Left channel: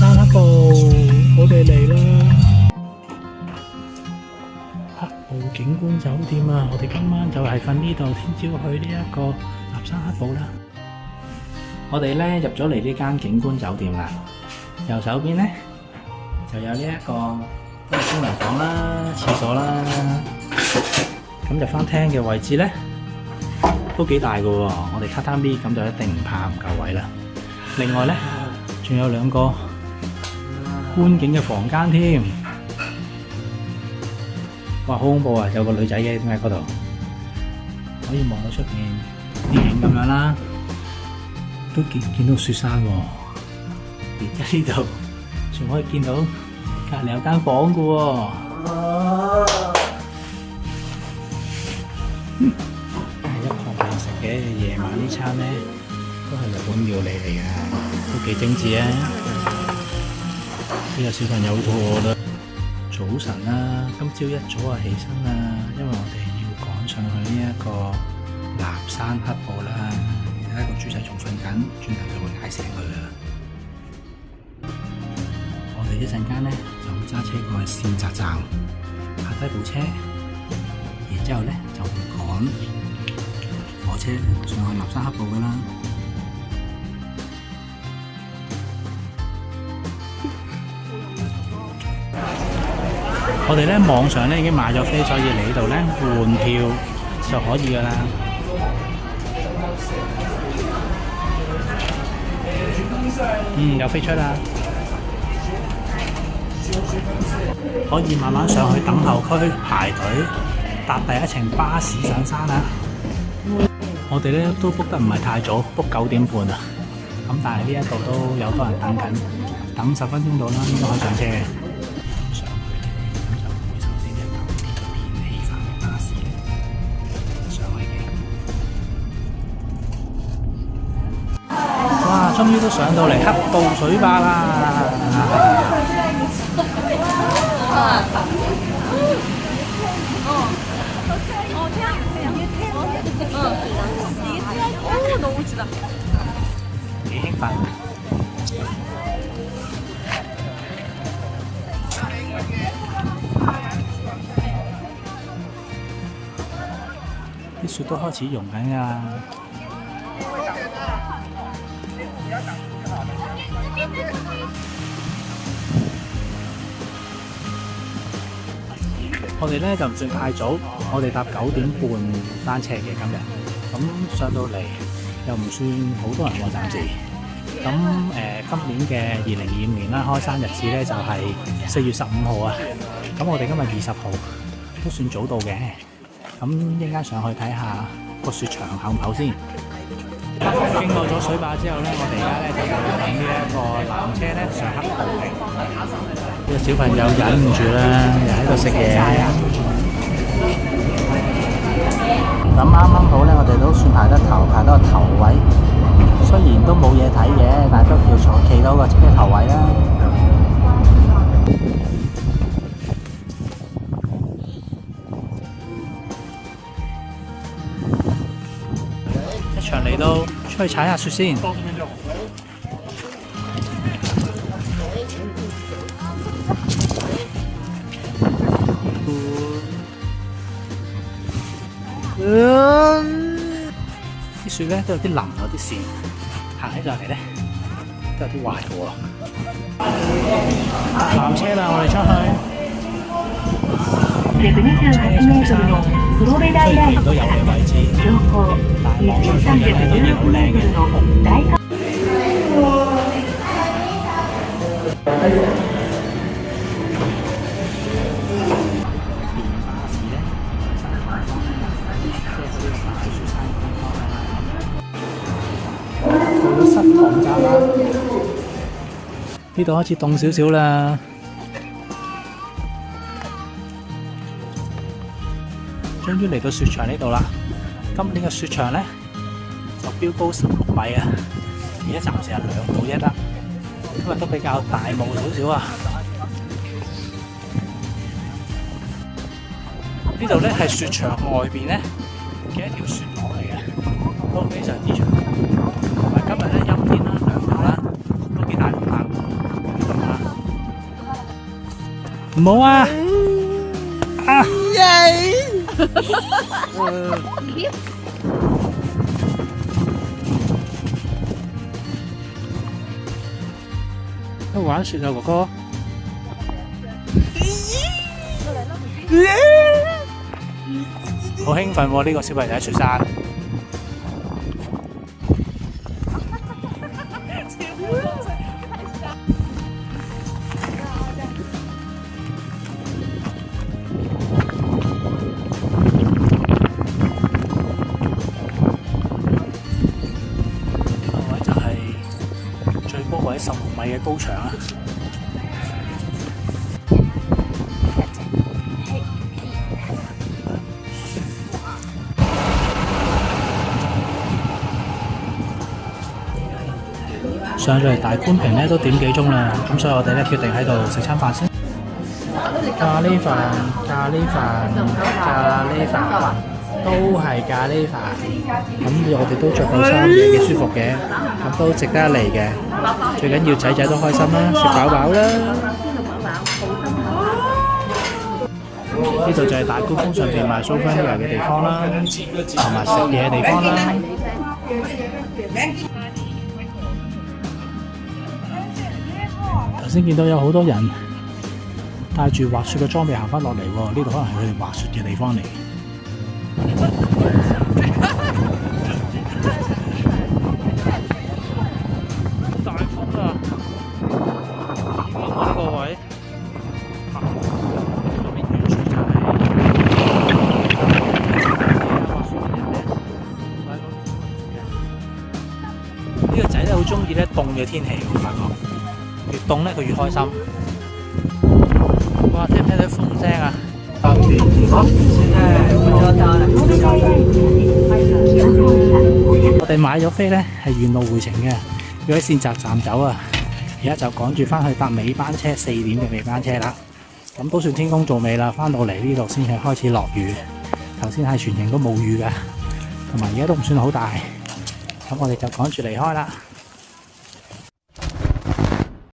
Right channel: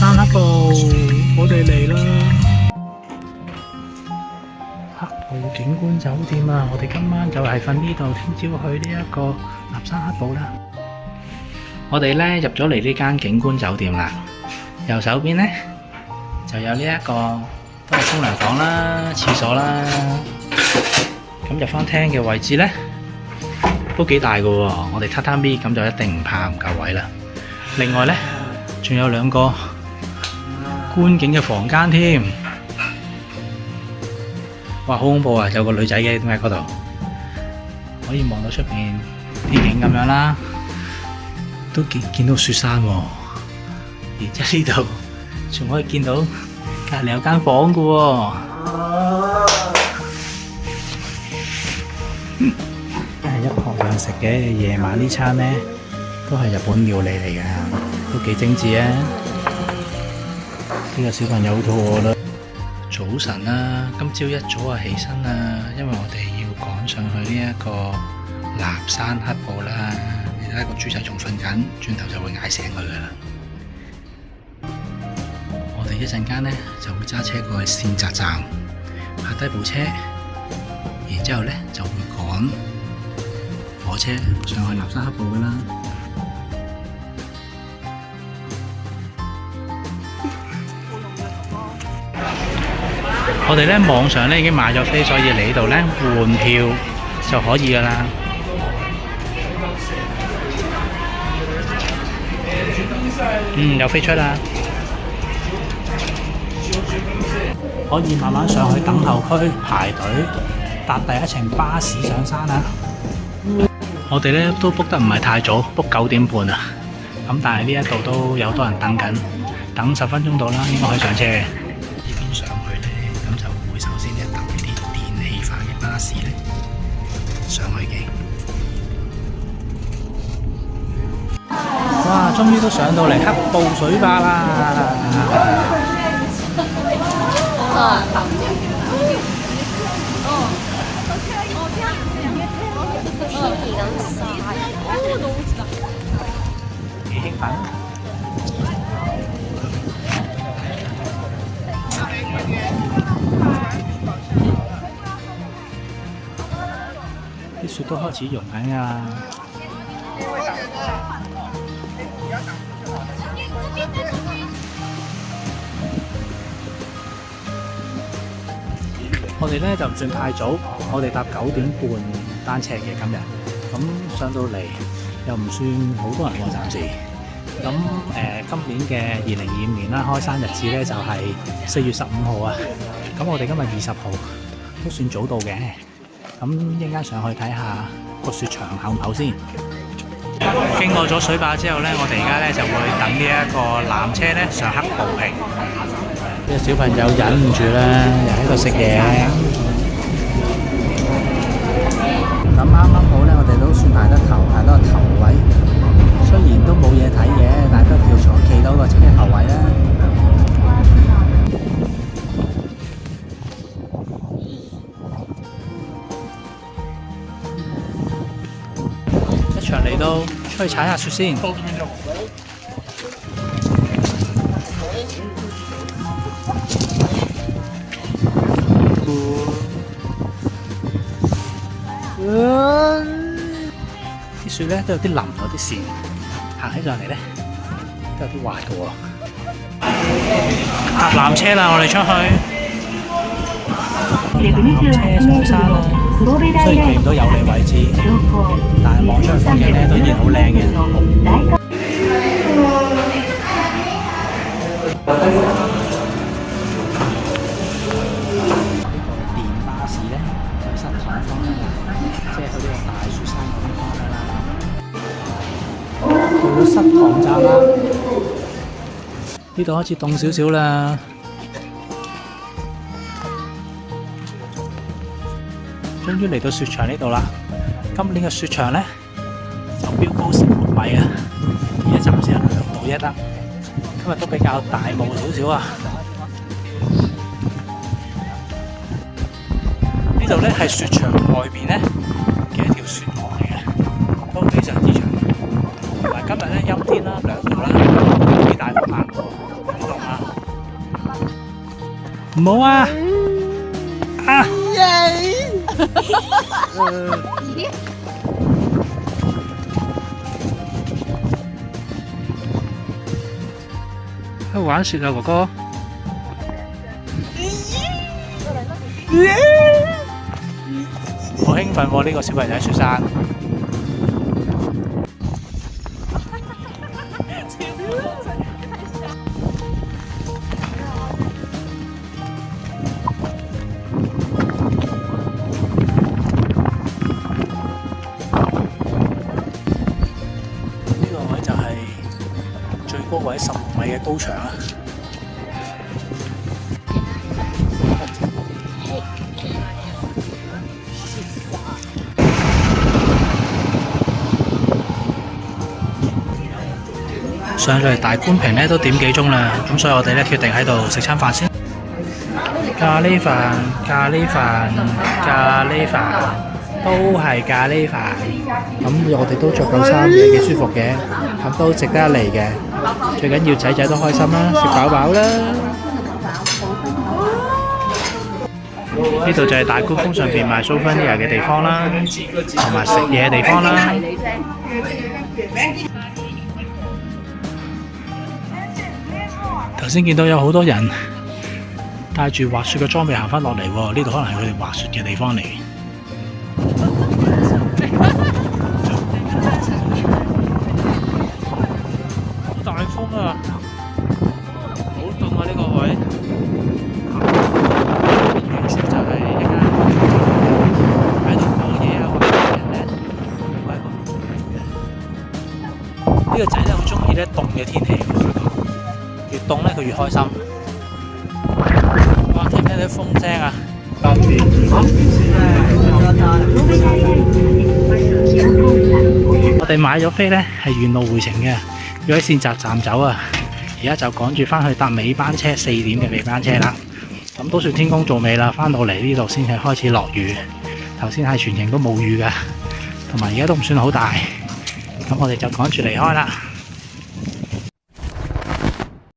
山黑部，我哋嚟啦！黑部景觀酒店啊，我哋今晚就係瞓呢度，聽朝去呢一個立山黑部啦。我哋咧入咗嚟呢間景觀酒店啦，右手邊咧就有呢一個都係沖涼房啦、廁所啦。咁入翻廳嘅位置咧都幾大噶喎，我哋榻榻米咁就一定唔怕唔夠位啦。另外咧仲有兩個觀景嘅房間添，哇，好恐怖啊！有個女仔嘅點解嗰度可以望到出邊啲景咁樣啦，都見到雪山喎，而且呢度仲可以見到隔離有間房嘅喎。一旁人食嘅夜晚呢餐呢，都係日本料理嚟嘅，都幾精緻啊！呢個小朋友好肚餓啦。早晨啦，今朝一早就起身啦，因為我哋要趕上去呢一個立山黑部啦。而家個豬仔仲瞓緊，轉頭就會嗌醒佢噶啦。我哋一陣間呢就會揸車過去線澤站，泊低部車，然之後呢就會趕火車上去立山黑部噶啦。我哋咧網上咧已經買咗飛，所以嚟呢度咧換票就可以噶啦。有飛出啦，可以慢慢上去等候區排隊搭第一程巴士上山啦。我哋咧都 book 得唔係太早 ，book 9點半啊。咁但係呢一度都有多人等緊，等10分鐘到啦，應該可以上車嘅。哇！終於都上到嚟黑部水壩啦！幾興奮！啲雪都開始溶緊㗎啦！我哋咧就唔算太早，我哋搭9點半班車嘅今日，咁上到嚟又唔算好多人喎，暫時。咁今年嘅2025年啦，開山日子咧就係4月15號啊。咁我哋今日20號都算早到嘅。咁一陣間上去睇下個雪場厚唔厚先。經過咗水壩之後咧，我哋而家咧就會等呢一個纜車咧上黑部嘅。呢個小朋友忍唔住啦，又喺度食嘢。咁啱啱好咧，我哋都算排得頭，排到個頭位。雖然都冇嘢睇嘅，但係都叫坐企到個車頭位啦。一場嚟到，出去踩下雪先。啲雪咧都有啲腍咗啲線，行起上嚟咧都有啲滑嘅喎。搭纜車啦，我哋出去。纜車上山啦，雖然見唔到有利位置，但係望出去風景咧都依然好靚嘅。到咗失塘站啦，呢度開始凍少少啦。終於嚟到雪場呢度啦。今年嘅雪場咧就標高16米啊，而家暫時係2度1啦。今日都比較大霧少少啊。呢度咧係雪場外邊咧嘅一條雪河嚟嘅，都非常之長。同埋今日咧陰天啦，涼到啦，幾大風行喎。呢度唔好啊！啊！去玩雪啊，哥哥！好興奮喎！呢個小朋友喺雪山。呢個位就係最高位15米嘅高牆啊！上咗嚟大觀坪咧都點幾鐘啦，咁所以我哋咧決定喺度食餐飯先。咖喱飯、咖喱飯、咖喱飯，都係咖喱飯。咁我哋都着夠衫嘅，幾舒服嘅，咁都值得一嚟嘅。最緊要仔仔都開心啦，食飽飽啦。呢度就係大觀峰上邊賣 souvenir 嘅地方啦，同埋食嘢嘅地方啦。頭先見到有好多人帶住滑雪嘅裝備行返落嚟喎，呢度可能係佢哋滑雪嘅地方嚟。好大風啊！好凍啊！呢個位，完全就係呢個仔咧好中意咧凍嘅天氣，我發覺。越凍咧，佢越開心。哇！聽唔聽到風聲啊？我哋買咗飛咧，係沿路回程嘅，要喺線澤站走啊。而家就趕住翻去搭尾班車，4點嘅尾班車啦。咁都算天公造美啦，翻到嚟呢度先係開始落雨。頭先係全程都冇雨㗎，同埋而家都唔算好大。咁我哋就趕住離開啦。